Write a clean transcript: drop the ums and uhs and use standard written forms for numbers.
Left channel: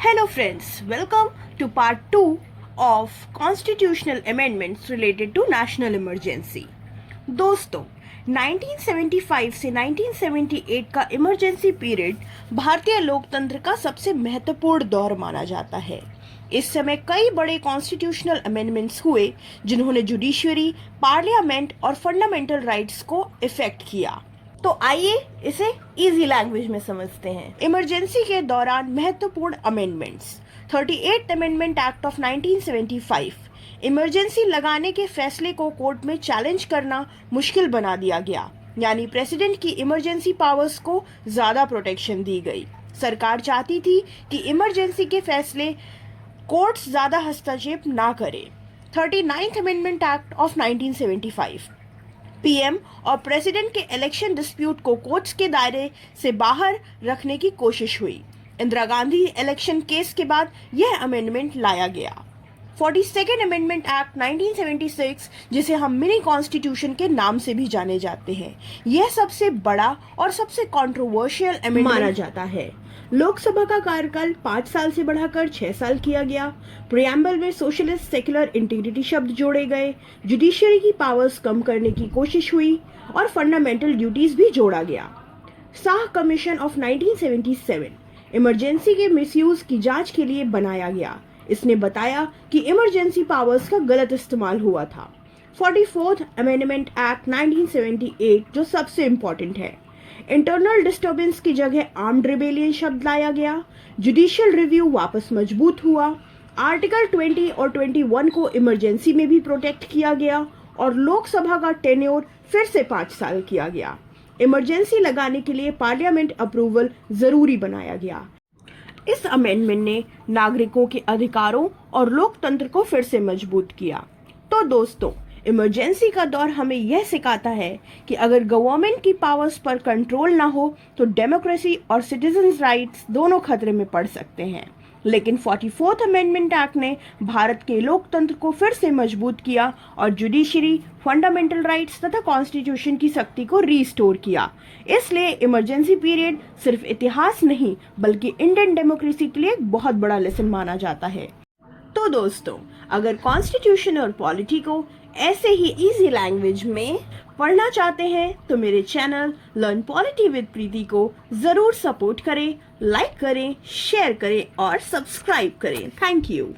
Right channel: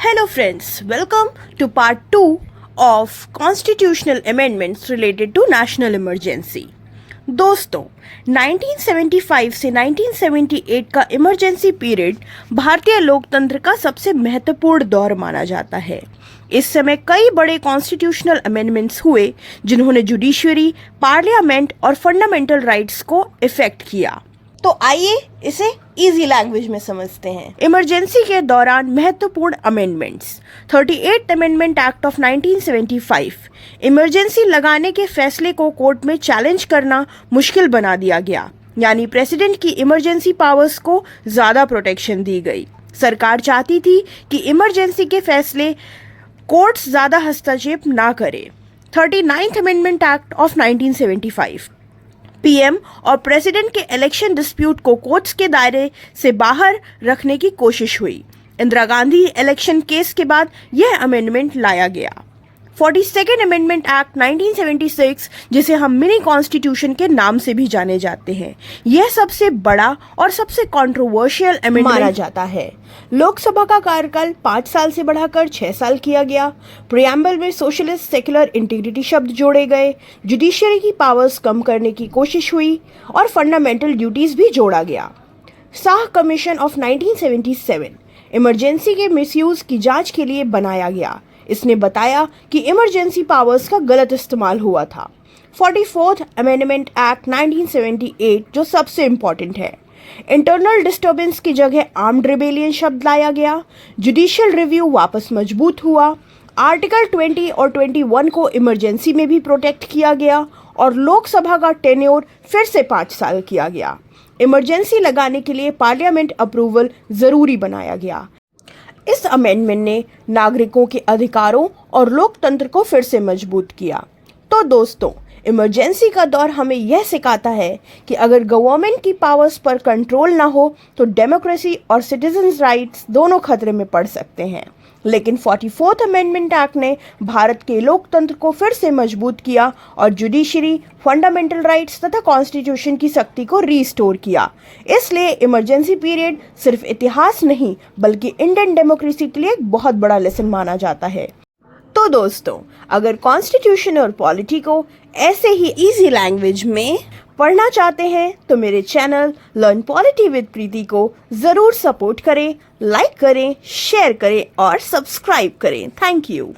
Hello friends, welcome to part 2 of constitutional amendments related to national emergency. दोस्तों 1975 से 1978 का emergency period भारतीय लोकतंत्र का सबसे महत्वपूर्ण दौर माना जाता है। इस समय कई बड़े कॉन्स्टिट्यूशनल अमेंडमेंट्स हुए जिन्होंने जुडिशरी, पार्लियामेंट और फंडामेंटल राइट्स को इफेक्ट किया। तो आइए इसे इजी लैंग्वेज में समझते हैं। इमरजेंसी के दौरान महत्वपूर्ण amendments. 38 amendment act of 1975 emergency लगाने के फैसले को कोर्ट में चैलेंज करना मुश्किल बना दिया गया, यानी प्रेसिडेंट की इमरजेंसी पावर्स को ज्यादा प्रोटेक्शन दी गई। सरकार चाहती थी कि इमरजेंसी के फैसले कोर्ट्स ज्यादा हस्तक्षेप ना करे। 39th amendment act of 1975 PM और प्रेसिडेंट के इलेक्शन डिस्प्यूट को कोर्ट्स के दायरे से बाहर रखने की कोशिश हुई। इंदिरा गांधी इलेक्शन केस के बाद यह अमेंडमेंट लाया गया। 42nd अमेंडमेंट एक्ट 1976, जिसे हम मिनी कॉन्स्टिट्यूशन के नाम से भी जाने जाते हैं, यह सबसे बड़ा और सबसे कंट्रोवर्शियल अमेंडमेंट माना जाता है। लोकसभा का कार्यकाल 5 साल से बढ़ाकर 6 साल किया गया। प्रियम्बल में सोशलिस्ट सेक्युलर इंटीग्रिटी शब्द जोड़े गए। जुडिशरी की पावर्स कम करने की कोशिश हुई और फंडामेंटल ड्यूटीज भी जोड़ा गया। शाह कमीशन ऑफ 1977 इमरजेंसी के मिसयूज की जांच के लिए बनाया गया। इसने बताया कि इमरजेंसी पावर्स का गलत इस्तेमाल हुआ था। 44th अमेंडमेंट एक्ट 1978 जो सबसे इम्पोर्टेंट है, इंटरनल डिस्टर्बेंस की जगह आर्म्ड रिबेलियन शब्द लाया गया। जुडिशियल रिव्यू वापस मजबूत हुआ। आर्टिकल 20 और 21 को इमरजेंसी में भी प्रोटेक्ट किया गया और लोकसभा का टेन्योर फिर से 5 साल किया गया। इमरजेंसी लगाने के लिए पार्लियामेंट अप्रूवल जरूरी बनाया गया। इस अमेंडमेंट ने नागरिकों के अधिकारों और लोकतंत्र को फिर से मजबूत किया। तो दोस्तों, इमरजेंसी का दौर हमें यह सिखाता है कि अगर गवर्नमेंट की पावर्स पर कंट्रोल ना हो तो डेमोक्रेसी और सिटीजन्स राइट्स दोनों खतरे में पड़ सकते हैं। लेकिन 44th अमेंडमेंट एक्ट ने भारत के लोकतंत्र को फिर से मजबूत किया और जुडिशरी, फंडामेंटल राइट्स तथा कॉन्स्टिट्यूशन की शक्ति को रीस्टोर किया। इसलिए इमरजेंसी पीरियड सिर्फ इतिहास नहीं बल्कि इंडियन डेमोक्रेसी के लिए एक बहुत बड़ा लेसन माना जाता है। तो दोस्तों, अगर कॉन्स्टिट्यूशन और पॉलिटी को ऐसे ही इजी लैंग्वेज में पढ़ना चाहते हैं तो मेरे चैनल लर्न पॉलिटी विद प्रीति को जरूर सपोर्ट करें, लाइक करें, शेयर करें और सब्सक्राइब करें। Thank you.